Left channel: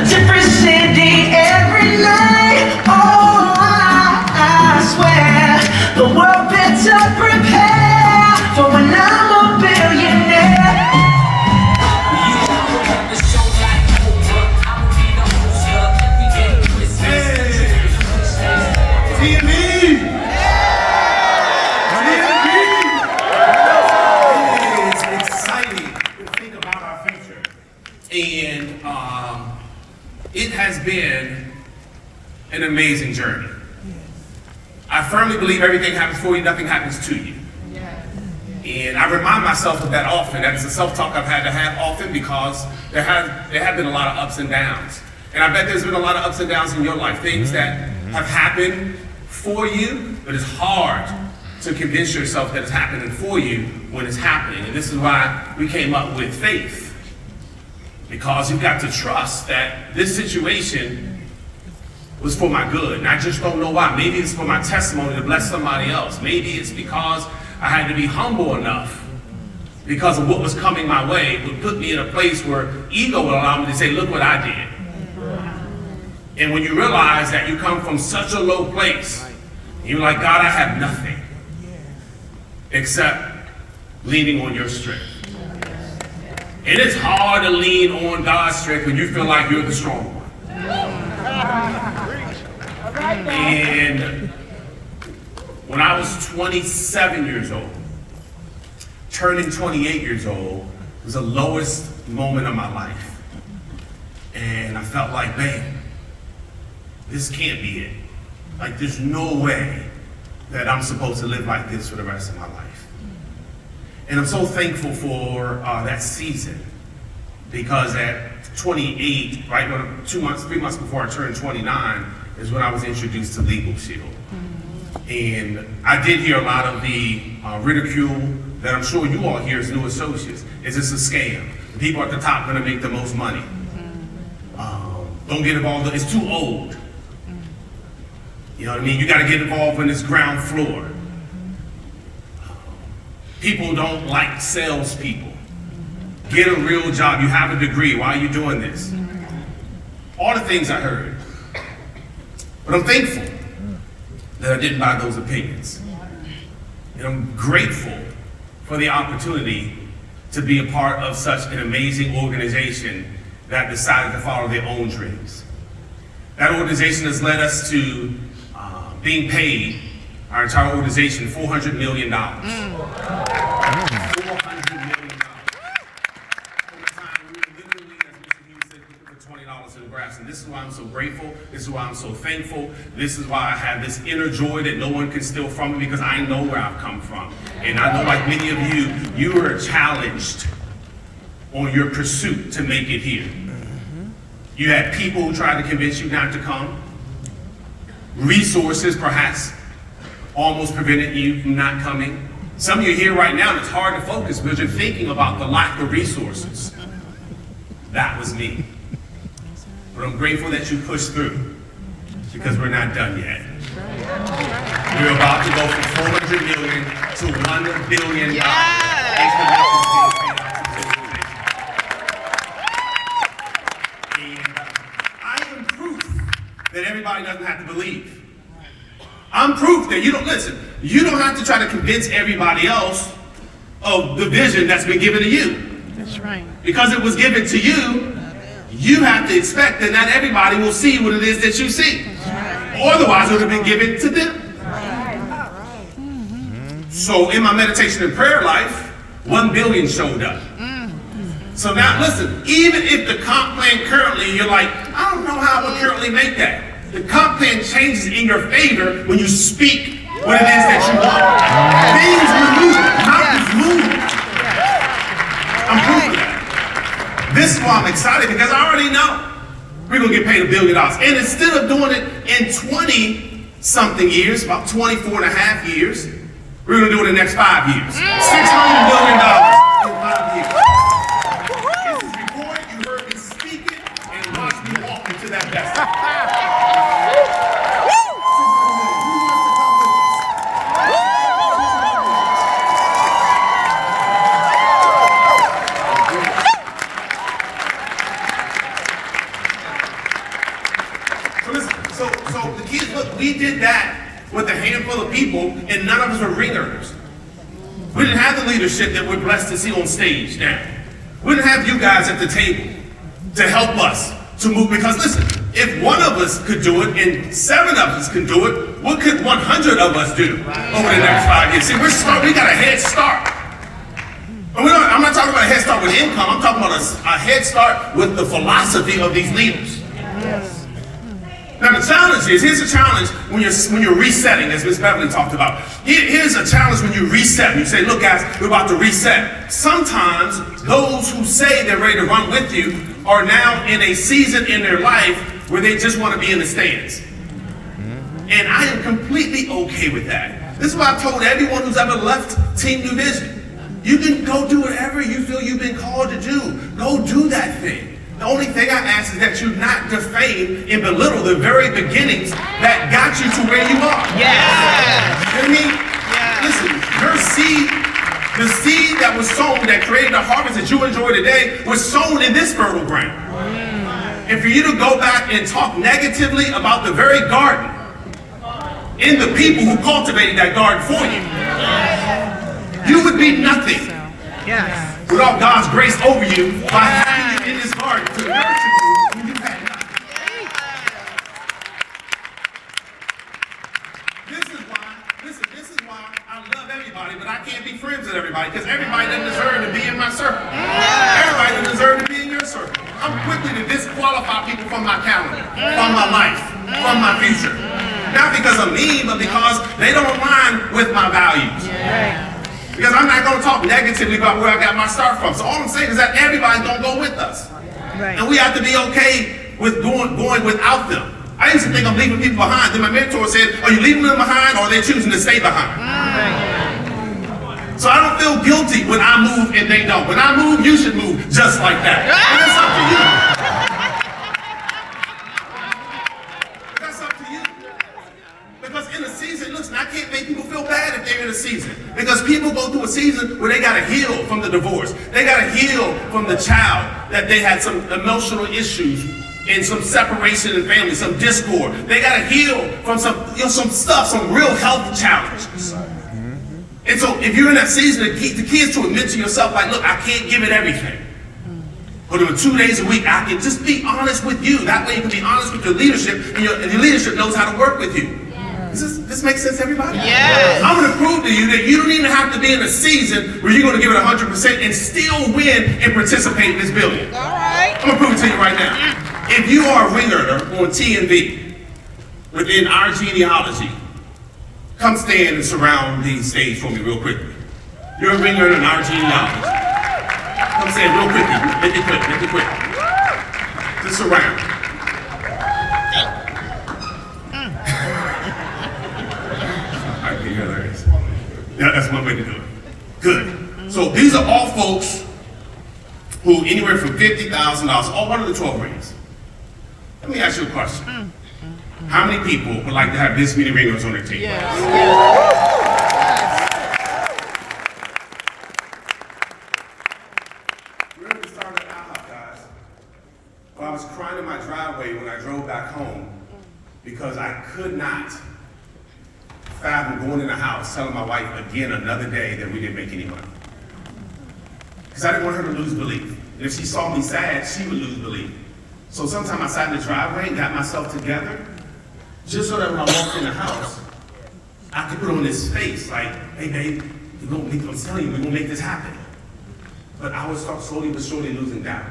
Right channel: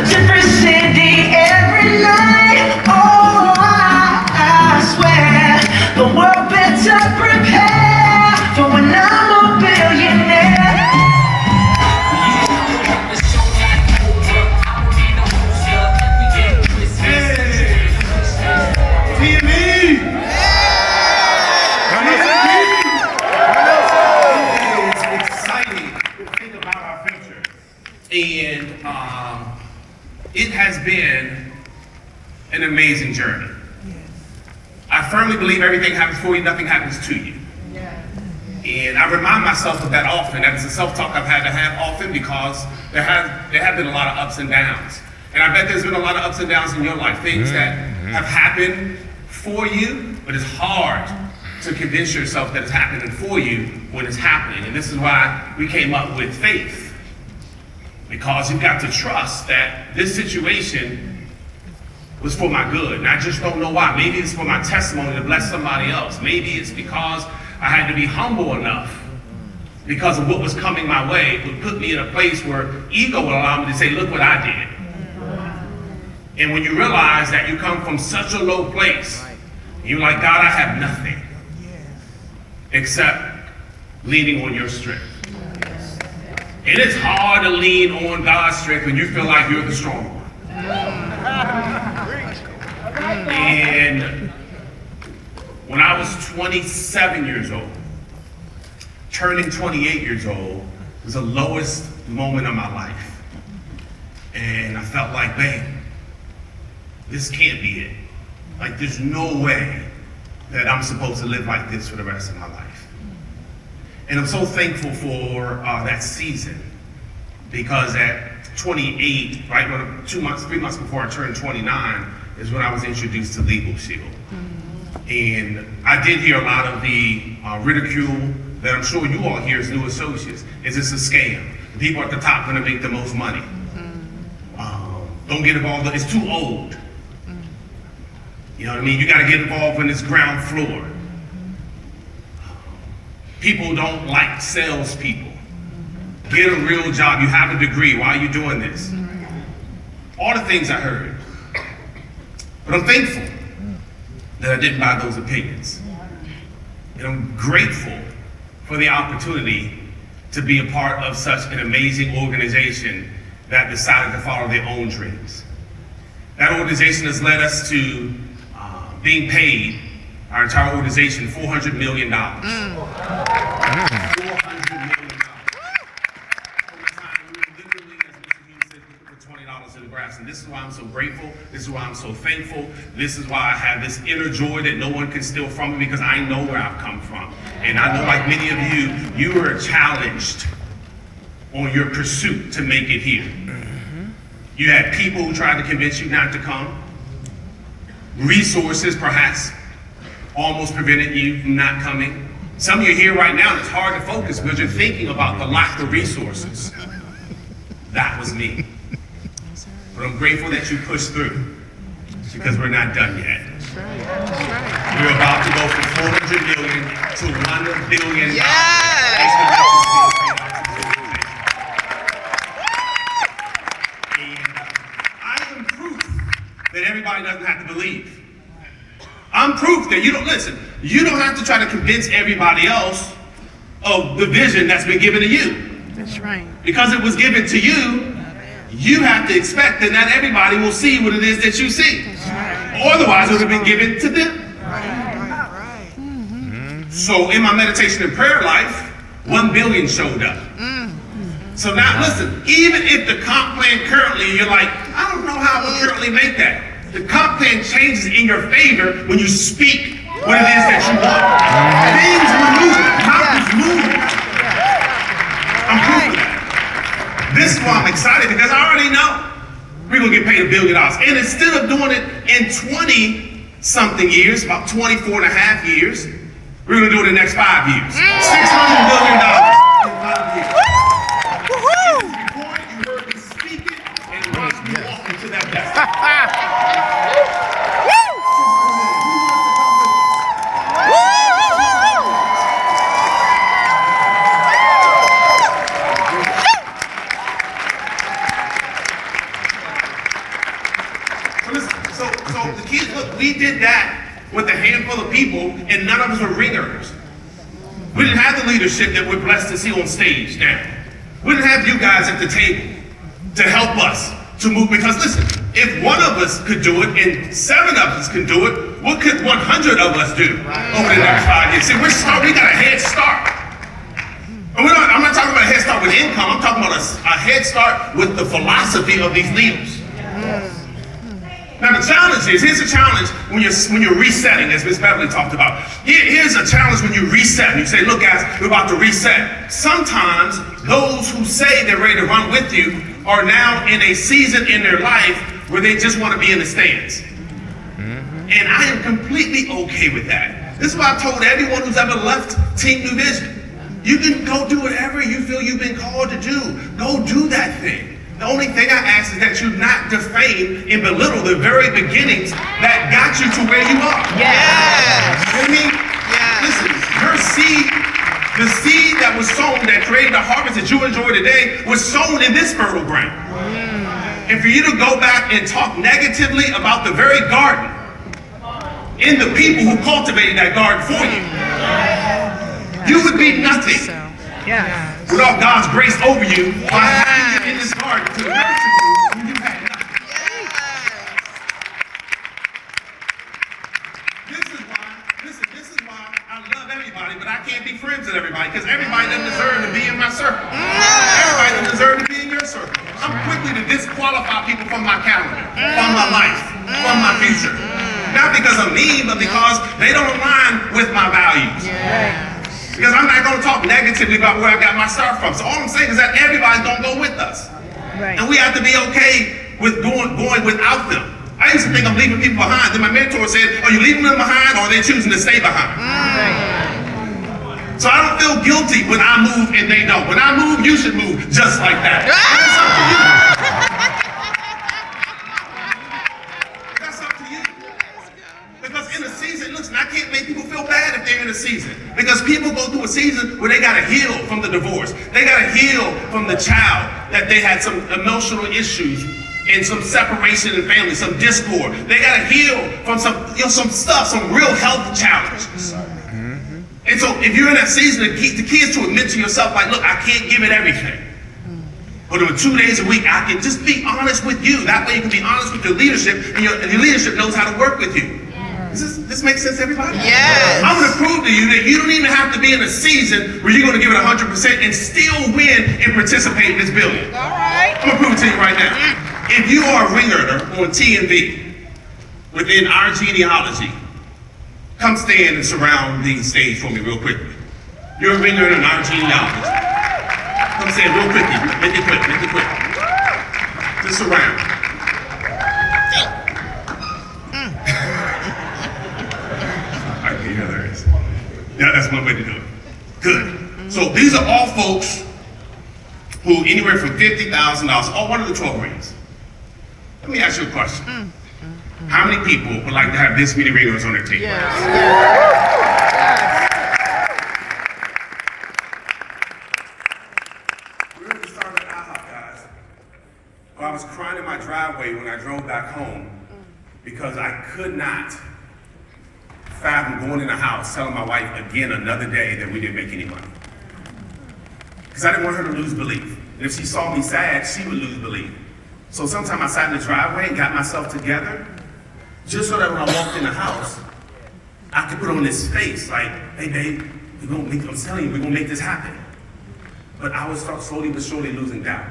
a different city every night. Oh, I swear the world better prepare for when I'm a billionaire. And it has been an amazing journey. I firmly believe everything happens for you, nothing happens to you. And I remind myself of that often. That's a self-talk I've had to have often because there have been a lot of ups and downs. And I bet there's been a lot of ups and downs in your life, things that have happened for you, but it's hard to convince yourself that it's happening for you when it's happening. And this is why we came up with faith. Because you've got to trust that this situation was for my good. And I just don't know why. Maybe it's for my testimony to bless somebody else. Maybe it's because I had to be humble enough because of what was coming my way. It would put me in a place where ego would allow me to say, look what I did. And when you realize that you come from such a low place, you're like, God, I have nothing except leaning on your strength. And it's hard to lean on God's strength when you feel like you're the strong one. And when I was 27 years old, turning 28 years old was the lowest moment of my life. And I felt like, man, this can't be it. Like, there's no way that I'm supposed to live like this for the rest of my life. And I'm so thankful for that season because at 28, right, 3 months before I turned 29 is when I was introduced to Legal Shield. And I did hear a lot of the ridicule that I'm sure you all hear as new associates. Is this a scam? The people at the top are gonna make the most money. Don't get involved, it's too old. You know what I mean? You gotta get involved when it's ground floor. People don't like salespeople. Get a real job. You have a degree. Why are you doing this? All the things I heard. But I'm thankful that I didn't buy those opinions. And I'm grateful for the opportunity to be a part of such an amazing organization that decided to follow their own dreams. That organization has led us to being paid, our entire organization, $400 million. $400 million. Over time, we literally, as Mr. Hughes said, we put $20 in the grass. And this is why I'm so grateful. This is why I'm so thankful. This is why I have this inner joy that no one can steal from me because I know where I've come from. And I know, like many of you, you were challenged on your pursuit to make it here. You had people who tried to convince you not to come. Resources, perhaps, almost prevented you from not coming. Some of you are here right now and it's hard to focus because you're thinking about the lack of resources. That was me. But I'm grateful that you pushed through because we're not done yet. We're about to go from 400 million to $1 billion. And I am proof that everybody doesn't have to believe. I'm proof that you don't have to try to convince everybody else of the vision that's been given to you. That's right. Because it was given to you, you have to expect that not everybody will see what it is that you see. Or otherwise it would have been given to them. So in my meditation and prayer life, 1 billion showed up. So now listen, even if the comp plan currently, you're like, I don't know how I would currently make that. The comp plan changes in your favor when you speak what it is that you want. Things are moving, mountains moving. I'm proof of that. This is why I'm excited because I already know we're gonna get paid $1 billion. And instead of doing it in 20 something years, about 24 and a half years, we're gonna do it in the next 5 years. $600 million in 5 years. This is before you heard me speak it and watch me walk into that destiny. kids, look, we did that with a handful of people, and none of us were ringers. We didn't have the leadership that we're blessed to see on stage now. We didn't have you guys at the table to help us to move, because listen, if one of us could do it and 7 of us can do it, what could 100 of us do over the next 5 years? See, we got a head start. And I'm not talking about a head start with income, I'm talking about a head start with the philosophy of these leaders. Now the challenge is, here's the challenge when you're resetting, as Ms. Beverly talked about. Here's a challenge when you reset. You say, look guys, we're about to reset. Sometimes those who say they're ready to run with you are now in a season in their life where they just want to be in the stands. And I am completely okay with that. This is why I told everyone who's ever left Team New Vision, you can go do whatever you feel you've been called to do. Go do that thing. The only thing I ask is that you not defame and belittle the very beginnings that got you to where you are. Yeah. You know what I mean? Yeah. Listen, your seed, the seed that was sown that created the harvest that you enjoy today was sown in this fertile ground. And for you to go back and talk negatively about the very garden and the people who cultivated that garden for you, you would be nothing. Yes. Without God's grace over you, by having you in this garden to nurture you when you had nothing. This is why I love everybody, but I can't be friends with everybody, because everybody doesn't deserve to be in my circle. Everybody doesn't deserve to be in your circle. I'm quickly to disqualify people from my calendar, from my life, from my future. Not because I'm mean, but because they don't align with my values. Because I'm not going to talk negatively about where I got my start from. So all I'm saying is that everybody's going to go with us. Right. And we have to be okay with going without them. I used to think I'm leaving people behind. Then my mentor said, are you leaving them behind, or are they choosing to stay behind? So I don't feel guilty when I move and they don't. When I move, you should move just like that. And it's up to you. That's up to you. Because in a season, listen, I can't make people feel bad if they're in a season. Because people go through a season where they got to heal from the divorce. They got to heal from the child that they had some emotional issues and some separation in family, some discord. They got to heal from some stuff, some real health challenges. And so if you're in that season, the key is to admit to yourself, like, look, I can't give it everything. But over 2 days a week, I can just be honest with you. That way you can be honest with your leadership, and your leadership knows how to work with you. Does this make sense, everybody? Yes. I'm going to prove to you that you don't even have to be in a season where you're going to give it 100% and still win and participate in this building. All right. I'm going to prove it to you right now. If you are a ringer on TNV within our genealogy, come stand and surround the stage for me real quickly. You're a ringer in our genealogy. Come stand real quickly. Make it quick. Just surround. Yeah, that's one way to do it. Good. So these are all folks who anywhere from $50,000, all one of the 12 rings. Let me ask you a question. How many people would like to have this many ringers on their team? We're going to start at IHOP, guys. Well, I was crying in my driveway when I drove back home because I could not fathom going in the house telling my wife again another day that we didn't make any money. Because I didn't want her to lose belief. And if she saw me sad, she would lose belief. So sometimes I sat in the driveway and got myself together just so that when I walked in the house, I could put on this face like, hey babe, I'm telling you, we're gonna make this happen. But I would start slowly but surely losing doubt.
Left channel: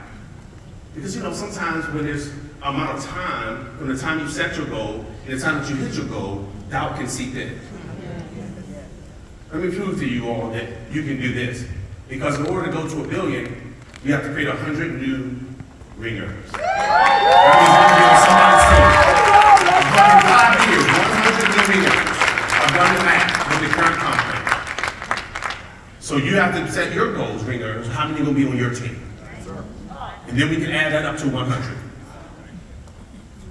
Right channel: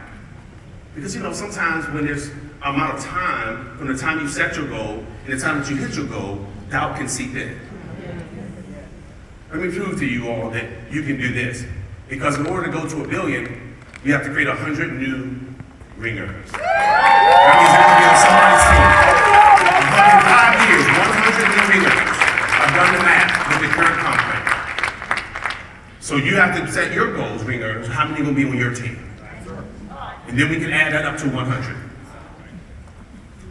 Because sometimes when there's an amount of time, from the time you set your goal and the time that you hit your goal, doubt can seep in. Let me prove to you all that you can do this. Because in order to go to $1 billion, you have to create 100 new ringers. That means you're going to be on somebody's team. 100 years, 100 new ringers. I've done the math with the current contract. So you have to set your goals, ringers, how many will be on your team? And then we can add that up to 100.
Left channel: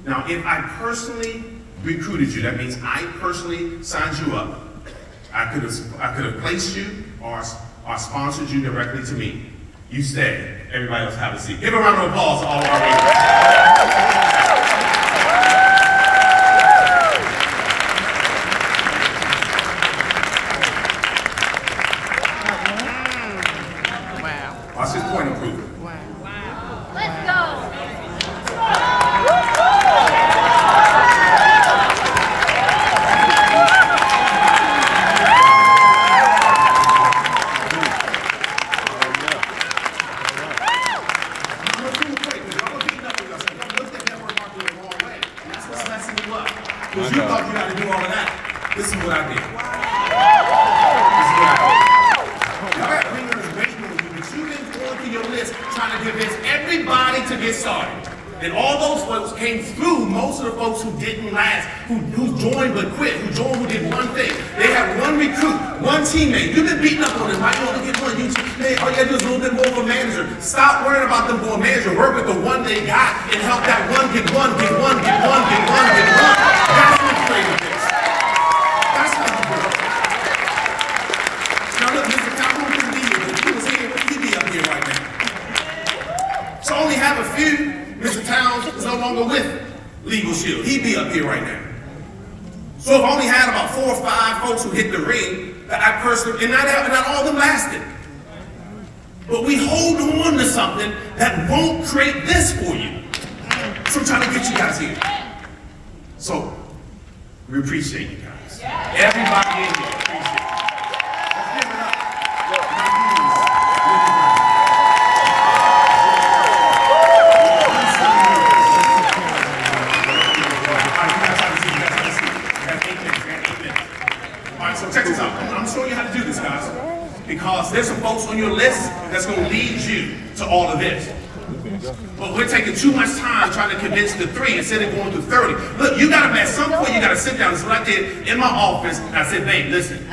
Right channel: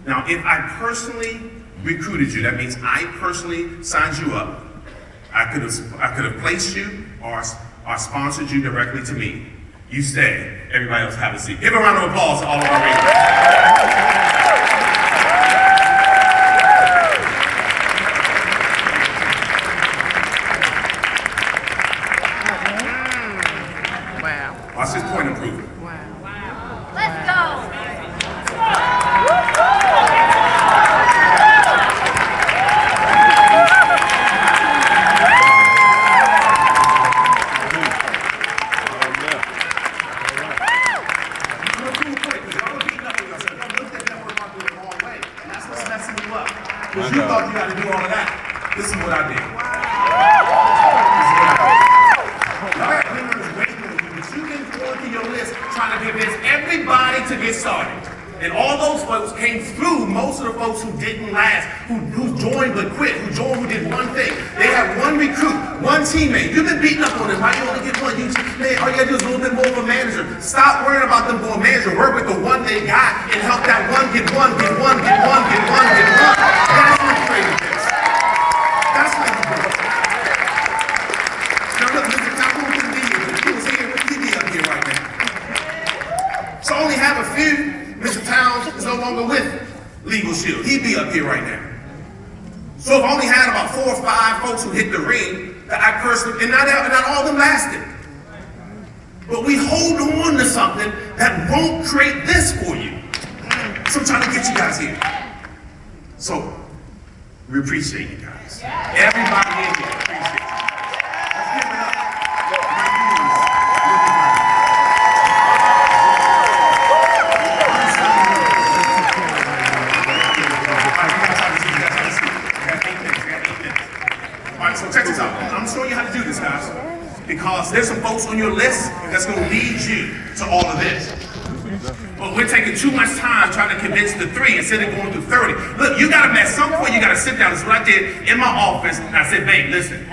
Now, if I personally recruited you, that means I personally signed you up, I could have placed you or sponsored you directly to me. You stay. Everybody else have a seat. Give a round of applause to all of our ringers. to do all of that. This is what I did. Y'all got ringers waiting on you, but you didn't go through your list trying to convince everybody to get started. And all those folks came through, most of the folks who didn't last, who joined but quit, who joined who did one thing. They had one recruit, one teammate. You've been beating up on them, right? You only get one. Man, all you gotta do is a little bit more of a manager. Stop worrying about them for a manager. Work with the one they got and help that one get one, get one, get one, get one, get one. That's what creative is. That's how you do it. Now look, Mr. Calhoun couldn't be here, but if he was here, he'd be up here right now. So I only have a few. Mr. Towns is no longer with Legal Shield. He'd be up here right now. So if I only had about 4 or 5 folks who hit the ring, that I personally, and not all of them lasted. But we hold on to something that won't create this for you. So I'm trying to get you guys here. So we appreciate you guys. Everybody in here appreciate you. Let's give it up. So check this out. I'm showing you how to do this, guys. Because there's some folks on your list that's going to lead you to all of this. But we're taking too much time trying to convince the 3 instead of going through 30. Look, you got to, at some point, you got to sit down. This is what I did in my office. And I said, babe, listen,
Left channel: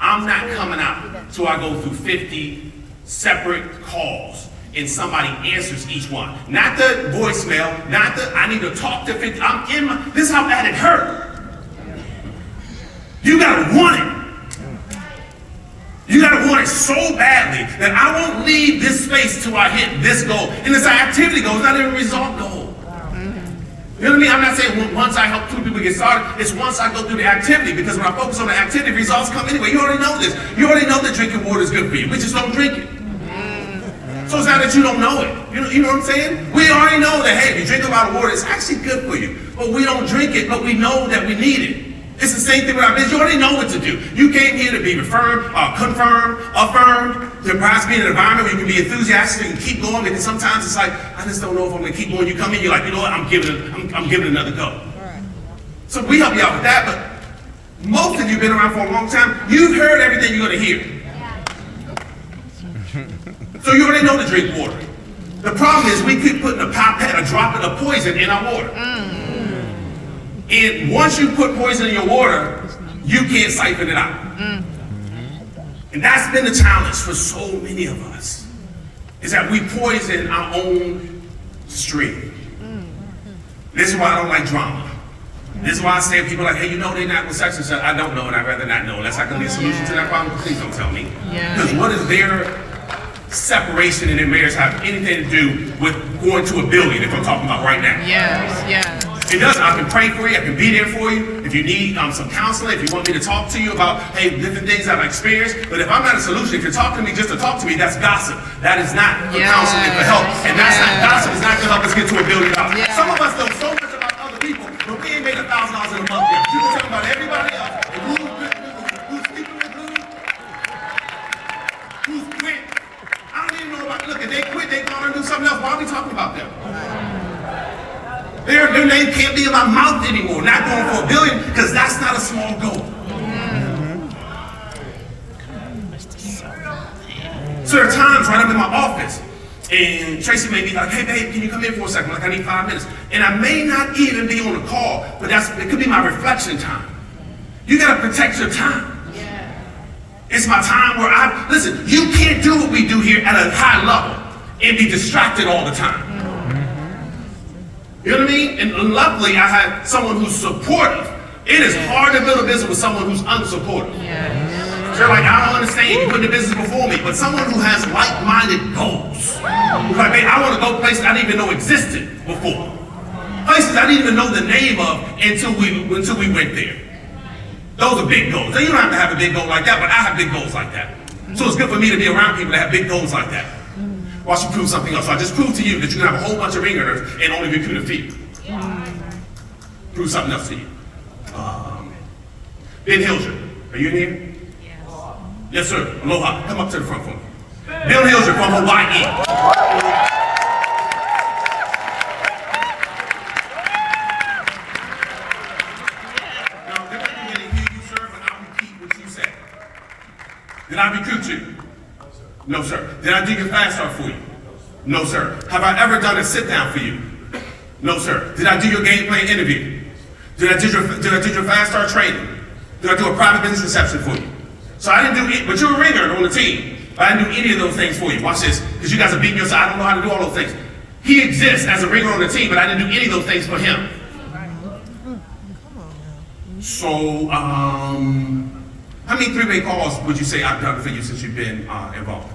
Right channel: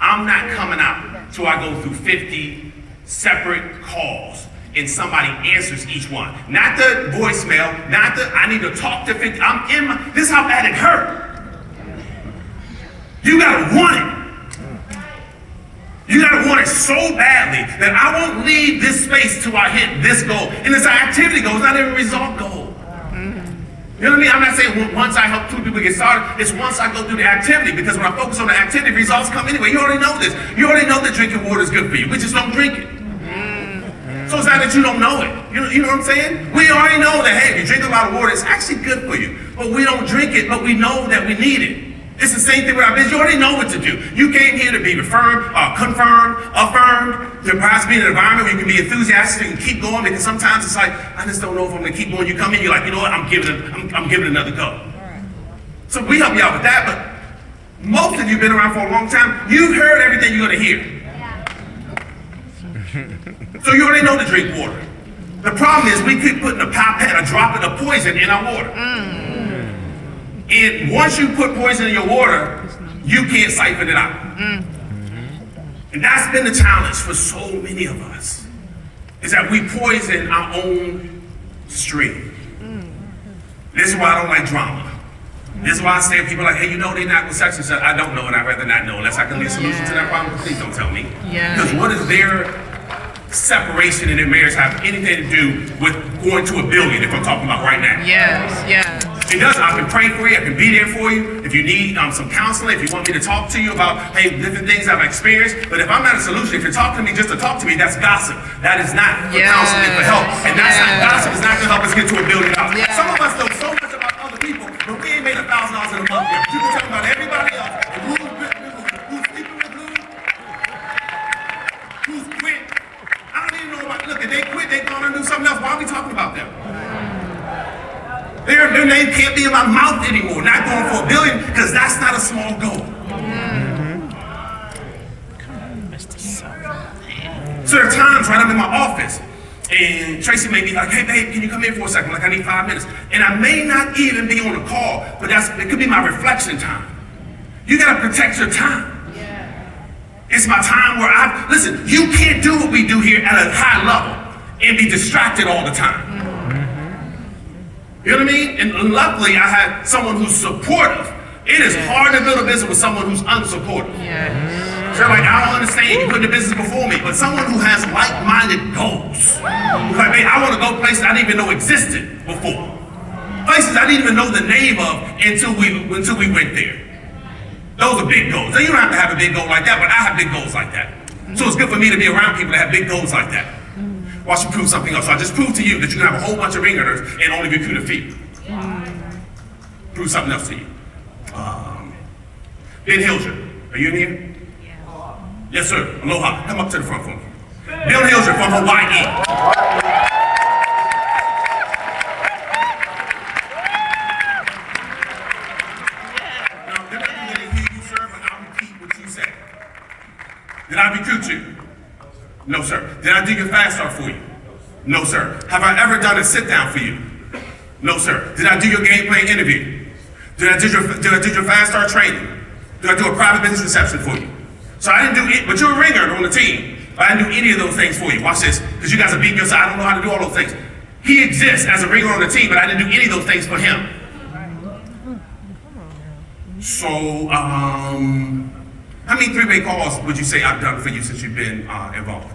I'm not coming out till I go through 50 separate calls and somebody answers each one. Not the voicemail, not the, I need to talk to 50. This is how bad it hurt. You gotta want it. You gotta want it so badly that I won't leave this space till I hit this goal. And it's an activity goal, it's not even a result goal. You know what I mean? I'm not saying once I help 2 people get started, it's once I go through the activity, because when I focus on the activity, results come anyway. You already know this. You already know that drinking water is good for you. We just don't drink it. So it's not that you don't know it. You know what I'm saying? We already know that, hey, if you drink a lot of water, it's actually good for you. But we don't drink it, but we know that we need it. It's the same thing with our business. You already know what to do. You came here to be confirmed, to perhaps be in an environment where you can be enthusiastic and keep going, because sometimes it's like, I just don't know if I'm gonna keep going. You come in, you're like, you know what, I'm giving it another go. So we help you out with that, but most of you have been around for a long time. You've heard everything you're gonna hear. So you already know to drink water. The problem is we keep putting a drop of poison in our water. And once you put poison in your water, you can't siphon it out. And that's been the challenge for so many of us, is that we poison our own stream. This is why I don't like drama. This is why I say to people like, hey, you know they're not with such and such. I don't know, and I'd rather not know. Unless I can leave a solution to that problem, please don't tell me. Because what is their separation in their marriage have anything to do with going to a building, if I'm talking about right now? Yes. It does. I can pray for you. I can be there for you. If you need some counseling, if you want me to talk to you about, hey, different things I've experienced. But if I'm not a solution, if you're talking to me just to talk to me, that's gossip. That is not for counseling, for help. And that's not gossip. It's not going to help us get to $1 billion. Some of us know so much about other people, but we ain't made $1,000 in a month yet. You can tell about everybody else, and who's sleeping with who's quit. I don't even know about, look, if they quit, they gone and do something else. Why are we talking about them? Their name can't be in my mouth anymore. Not going for $1 billion, because that's not a small goal. So there are times when I'm in my office and Tracy may be like, hey babe, can you come in for a second? Like, I need 5 minutes. And I may not even be on a call, but it could be my reflection time. You gotta protect your time. It's my time where listen, you can't do what we do here at a high level and be distracted all the time. You know what I mean? And luckily, I had someone who's supportive. It is hard to build a business with someone who's unsupportive. So they're like, I don't understand, you put the business before me. But someone who has like-minded goals. Like, man, I want to go places I didn't even know existed before. Places I didn't even know the name of until we went there. Those are big goals. Now, you don't have to have a big goal like that, but I have big goals like that. So it's good for me to be around people that have big goals like that. Watch you prove something else. So I just proved to you that you can have a whole bunch of ringers and only recruit a few. Prove something else to you. Ben Hilger, are you in here? Yes, sir. Aloha. Come up to the front for me. Bill Hilger from Hawaii. Now, Did I recruit you? No, sir. Did I do your fast start for you? No, sir. Have I ever done a sit down for you? No, sir. Did I do your game plan interview? Did I do your fast start training? Did I do a private business reception for you? So I didn't do it, but you're a ringer on the team. But I didn't do any of those things for you. Watch this, because you guys are beating yourself. I don't know how to do all those things. He exists as a ringer on the team, but I didn't do any of those things for him. So, how many three-way calls would you say I've done for you since you've been involved?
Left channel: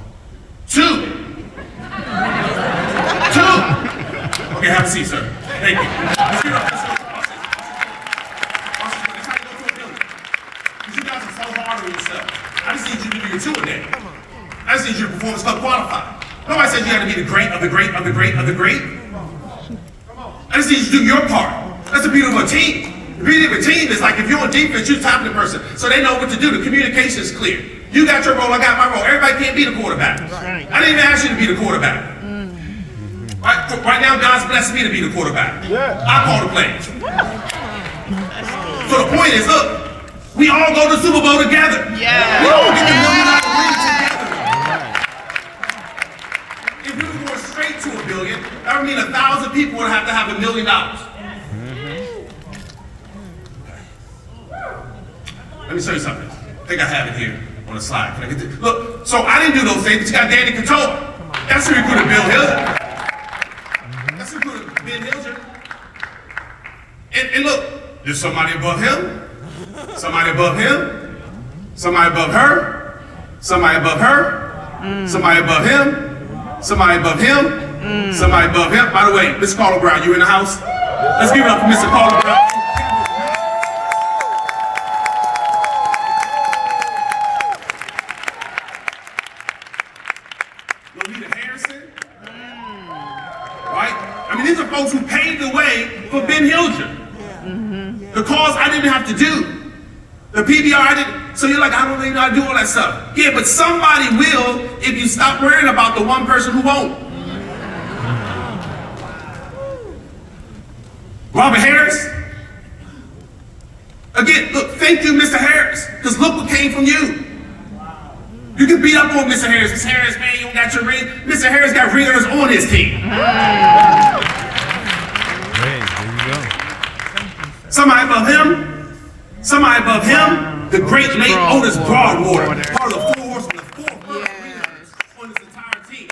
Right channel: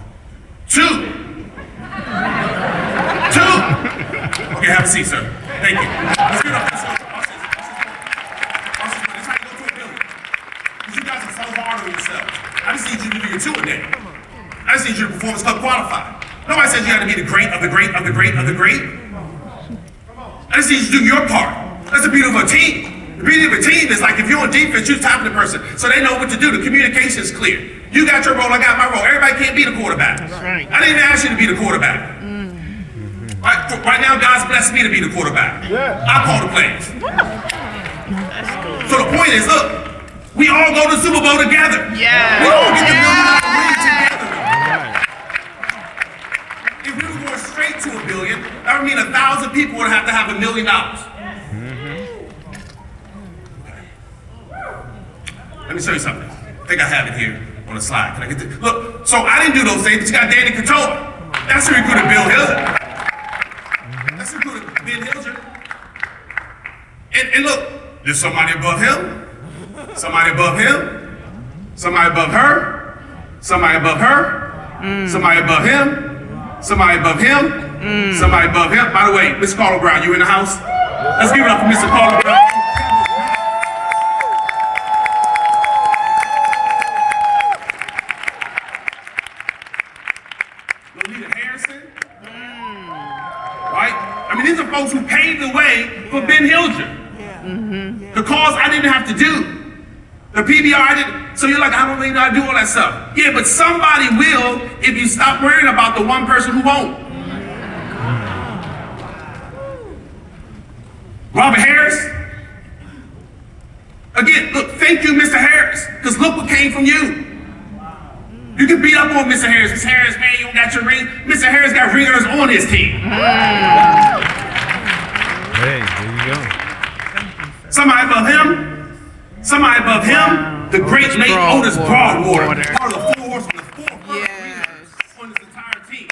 2. 2. Okay, have a seat, sir. Thank you. Let's get up. Let's go. Watch this. It's how you go to a building. Because you guys are so hard on yourself. I just need you to do your 2 a day. I just need you to Performance Club qualify. Nobody said you had to be the great of the great of the great of the great. I just need you to do your part. That's the beauty of a team. The beauty of a team is like if you're on defense, you're topping the person. So they know what to do. The communication is clear. You got your role, I got my role. Everybody can't be the quarterback. Right. I didn't even ask you to be the quarterback. Right now, God's blessed me to be the quarterback. Yeah. I call the plays. So the point is, look, we all go to the Super Bowl together. Yeah. We all get the $1 million win together. If we were going straight to $1 billion, that would mean 1,000 people would have to have $1 million. Let me show you something. I think I have it here on the slide. Can I get this? Look, so I didn't do those things, but you got Danny Katoa. That's who recruited Bill Hilger. That's who recruited Ben Hilger. And look, there's somebody above him, somebody above him, somebody above her, somebody above her, somebody above him, somebody above him, somebody above him. By the way, Mr. Carter Brown, you in the house? Let's give it up for Mr. Carter Brown. Lolita Harrison, right? I mean, these are folks who paved the way for Ben Hilger. The calls I didn't have to do. The PBR I didn't. So you're like, I don't think I do all that stuff. Yeah, but somebody will if you stop worrying about the one person who won't. Robert Harris. Again, look, thank you, Mr. Harris, because look what came from you. You can beat up on Mr. Harris. Mr. Harris, man, you don't got your ring. Mr. Harris got ringers on his team. Hey, there you go. Somebody above him, somebody above him, the great late Otis Broadwater, part of the 4 horsemen, the 4 first ringers on this entire team.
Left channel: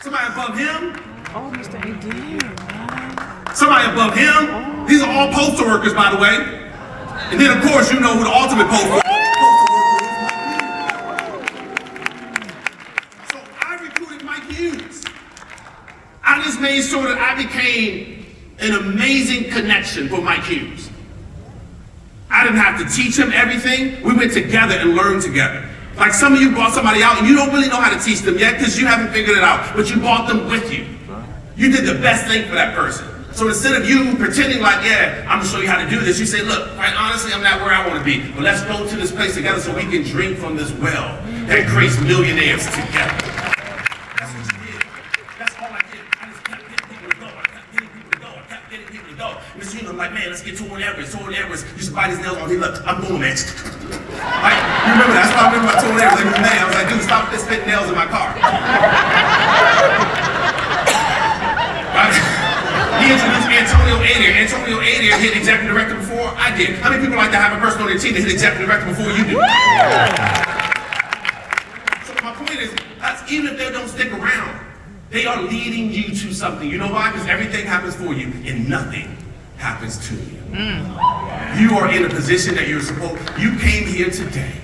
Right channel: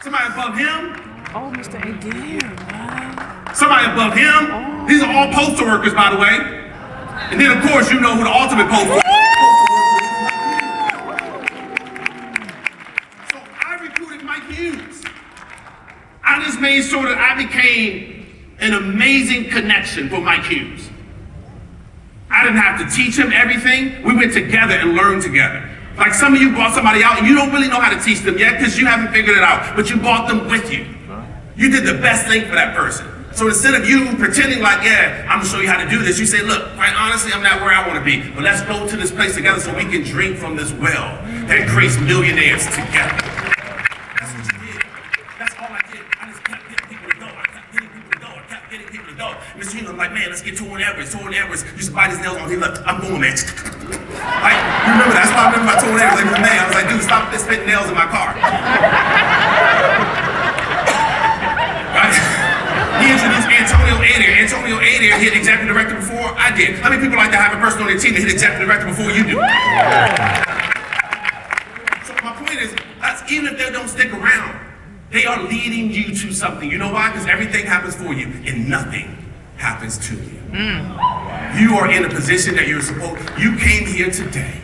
Somebody above him, Oh, Mr. A.D. somebody above him. These are all postal workers, by the way. And then, of course, you know who the ultimate postal worker is. So I recruited Mike Hughes. I just made sure that I became an amazing connection for Mike Hughes. I didn't have to teach him everything. We went together and learned together. Like some of you brought somebody out and you don't really know how to teach them yet because you haven't figured it out, but you brought them with you. You did the best thing for that person. So instead of you pretending like, yeah, I'm gonna show you how to do this, you say, look, quite honestly, I'm not where I wanna be, but let's go to this place together so we can drink from this well that creates millionaires together. That's what you did. That's all I did. I just kept getting people to go. I kept getting people to go. I kept getting people to go. And it's, I'm like, man, let's get Torrin Edwards. Torrin Edwards used to bite his nails on. He look, I'm going, man. Like, you remember that? That's why I remember my Torrin Edwards. Like, it was man. I was like, dude, stop spitting nails in my car. Right? He introduced Antonio Adair. Antonio Adair hit executive director before I did. How many people like to have a person on their team that hit executive director before you do? So my point is, that's, even if they don't stick around, they are leading you to something. You know why? Because everything happens for you and nothing happens to you. You are in a position that you're supposed, you came here today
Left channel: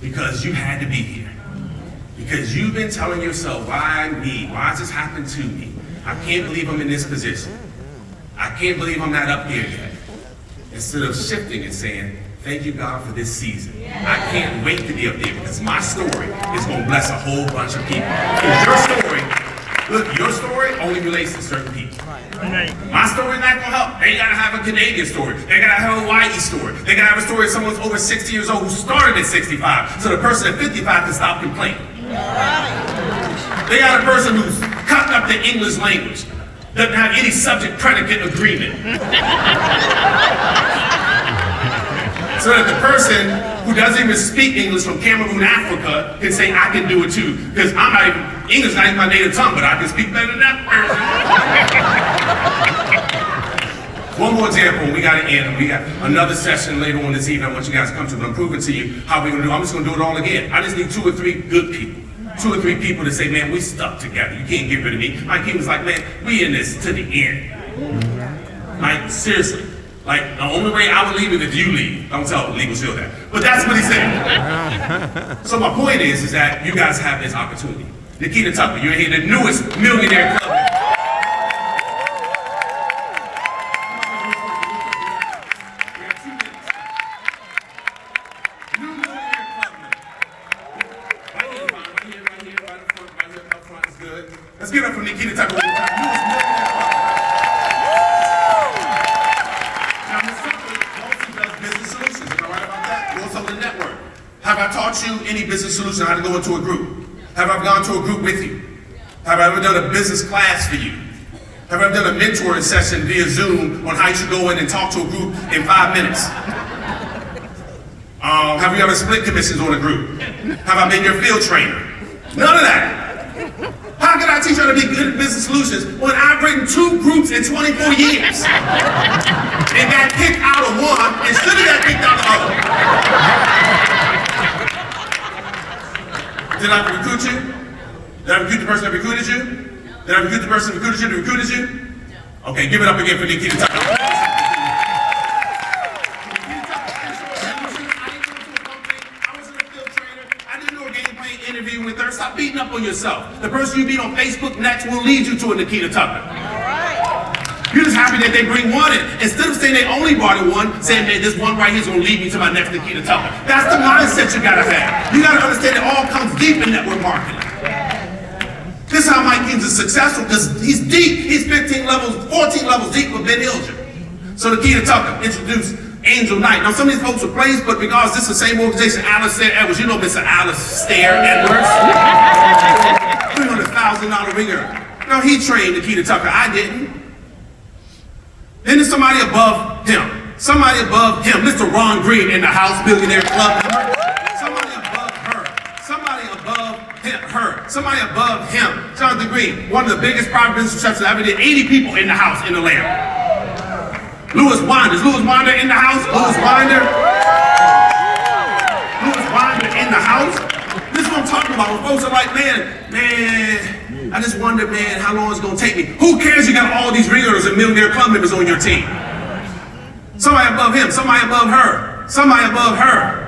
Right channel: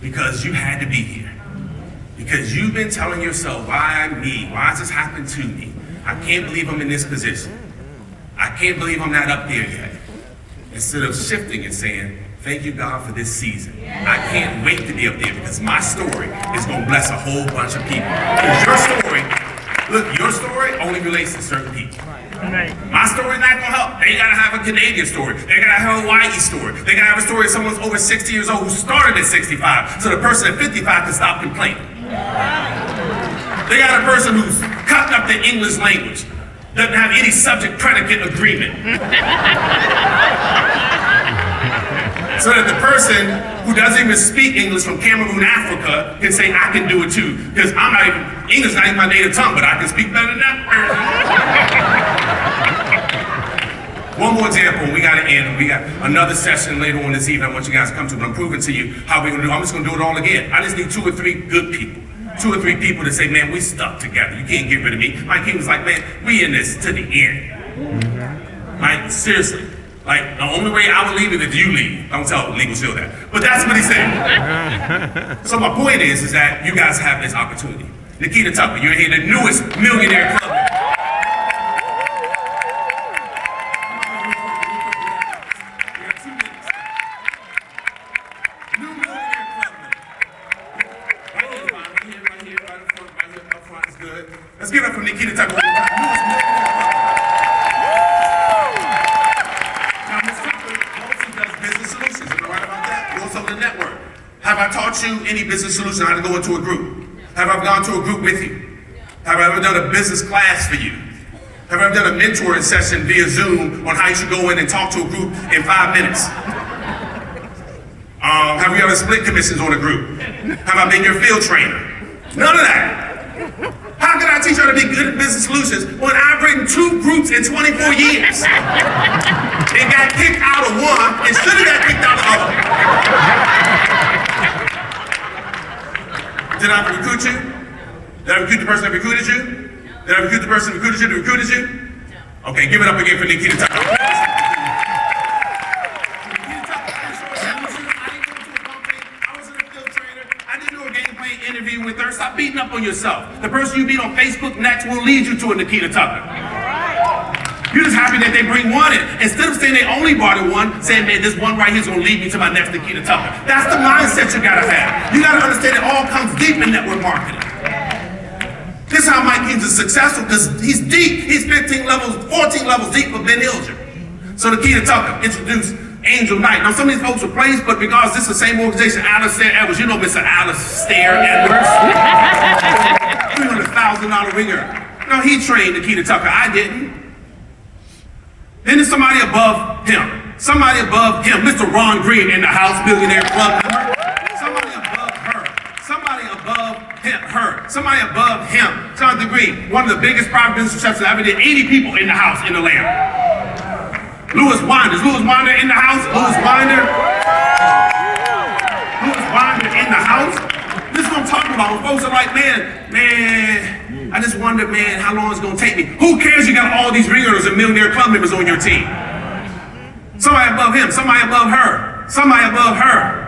because you had to be here. Because you've been telling yourself, why me? Why does this happen to me? I can't believe I'm in this position. I can't believe I'm not up there yet. Instead of shifting and saying, thank you, God, for this season. I can't wait to be up there because my story is going to bless a whole bunch of people. Because your story, look, your story only relates to certain people. Right. My story is not going to help. They got to have a Canadian story. They got to have a Hawaii story. They got to have a story of someone who's over 60 years old who started at 65. So the person at 55 can stop complaining. They got a person who's cutting up the English language, doesn't have any subject predicate agreement. So that the person who doesn't even speak English from Cameroon, Africa, can say, I can do it too. Because I'm not even, English is not even my native tongue, but I can speak better than that person. One more example, we got to end. We got another session later on this evening I want you guys to come to, but I'm proving to you how we're going to do it. I'm just going to do it all again. I just need 2 or 3 good people. 2 or 3 people to say, man, we stuck together. You can't get rid of me. Mike King was like, man, we in this to the end. Like, seriously. Like, the only way I would leave is if you leave. Don't tell Legal Shield that. But that's what he said. So my point is that you guys have this opportunity. Nikita Tucker, you're here, the newest millionaire club. New millionaire club. Right here, right up front is good. Let's give it up for Nikita Tucker one more time. Newest millionaire club. Now, Ms. Tucker also does business solutions. Am I right about that? You also the network. Have I taught you any business solution how to go into a group? Have I gone to a group with you? Have I ever done a business class for you? Have I ever done a mentoring session via Zoom on how you should go in and talk to a group in 5 minutes? Have we ever split commissions on a group? Have I been your field trainer? None of that. How can I teach you how to be good at business solutions when I've written 2 groups in 24 years? And got kicked out of one and should have got kicked out of the other. Did I recruit you? Did I recruit the person that recruited you? Did I recruit the person that recruited you? Okay, give it up again for Nikita Tucker. Interview with her. Stop beating up on yourself. The person you meet on Facebook next will lead you to a Nikita Tucker. You're just happy that they bring one in. Instead of saying they only brought in one, saying, man, this one right here is going to lead me to my next Nikita Tucker. That's the mindset you got to have. You got to understand it all comes deep in network marketing. This is how Mike Kings is successful, because he's deep. He's 14 levels deep with Ben Hilger. So Nikita Tucker introduced Angel Knight. Now, some of these folks are praised, but because this is the same organization, Alistair Edwards, you know Mr. Alistair Edwards? $300,000 ringer. No, he trained Nikita Tucker. I didn't. Then there's somebody above him. Somebody above him. Mr. Ron Green in the House Billionaire Club member. Somebody above her. Somebody above her. Somebody above him. Jonathan Green, one of the biggest private business successes I ever did. 80 people in the house in the land. Lewis Winder. Is Lewis Winder in the house? Lewis Winder? Lewis Winder in the house? This is what I'm talking about. When folks are like, man, I just wonder, man, how long it's gonna take me. Who cares you got all these ringers and millionaire club members on your team? Somebody above him, somebody above her, somebody above her,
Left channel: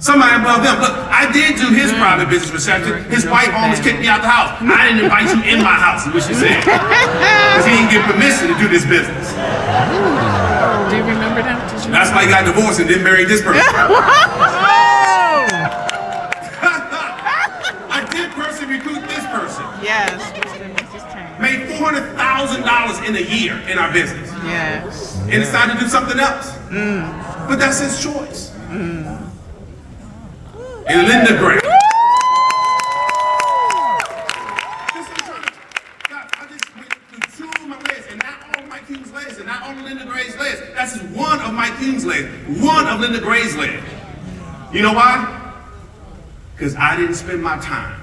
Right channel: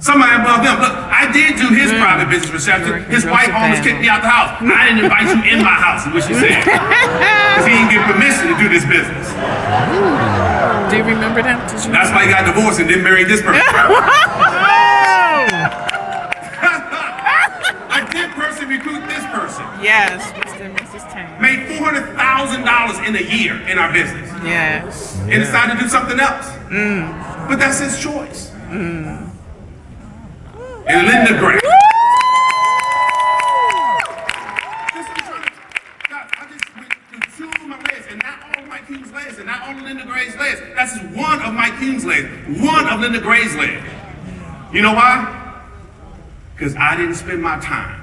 somebody above them. Look, I did do his private business reception. His wife almost kicked me out the house. I didn't invite you in my house, is what she said. Because he didn't get permission to do this business. Do you remember that? That's why he got divorced and didn't marry this person. I did personally recruit this person. Yes, Mr. and Mrs. Tanner. Made $400,000 in a year in our business. Yes. And decided to do something else. But that's his choice. And Linda Gray. I just went through 2 of my layers, and not all of Mike Hume's layers, and not all of Linda Gray's layers. That's just one of Mike Hume's layers, one of Linda Gray's layers. You know why? Because I didn't spend my time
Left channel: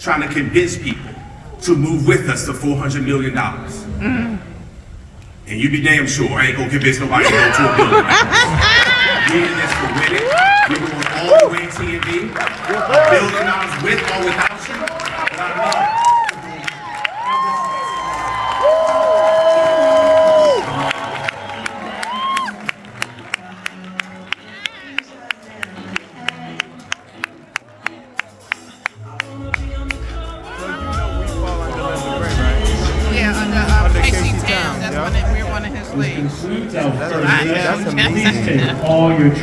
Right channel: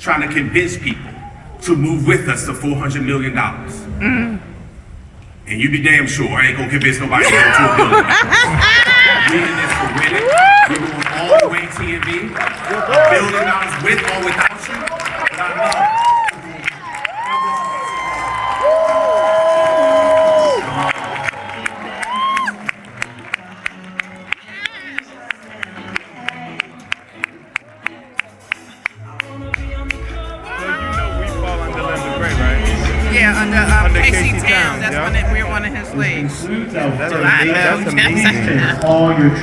trying to convince people to move with us to $400 million. And you be damn sure I ain't gonna convince nobody to go to $1 billion. We're in this for winning. We're going all the way TNV. $1 billion with or without you. But I love it. So you know we fall under Linda Gray, right? Yeah, Under Casey Casey Towns. Towns, That's yeah. we're one of his slaves. That's amazing. all your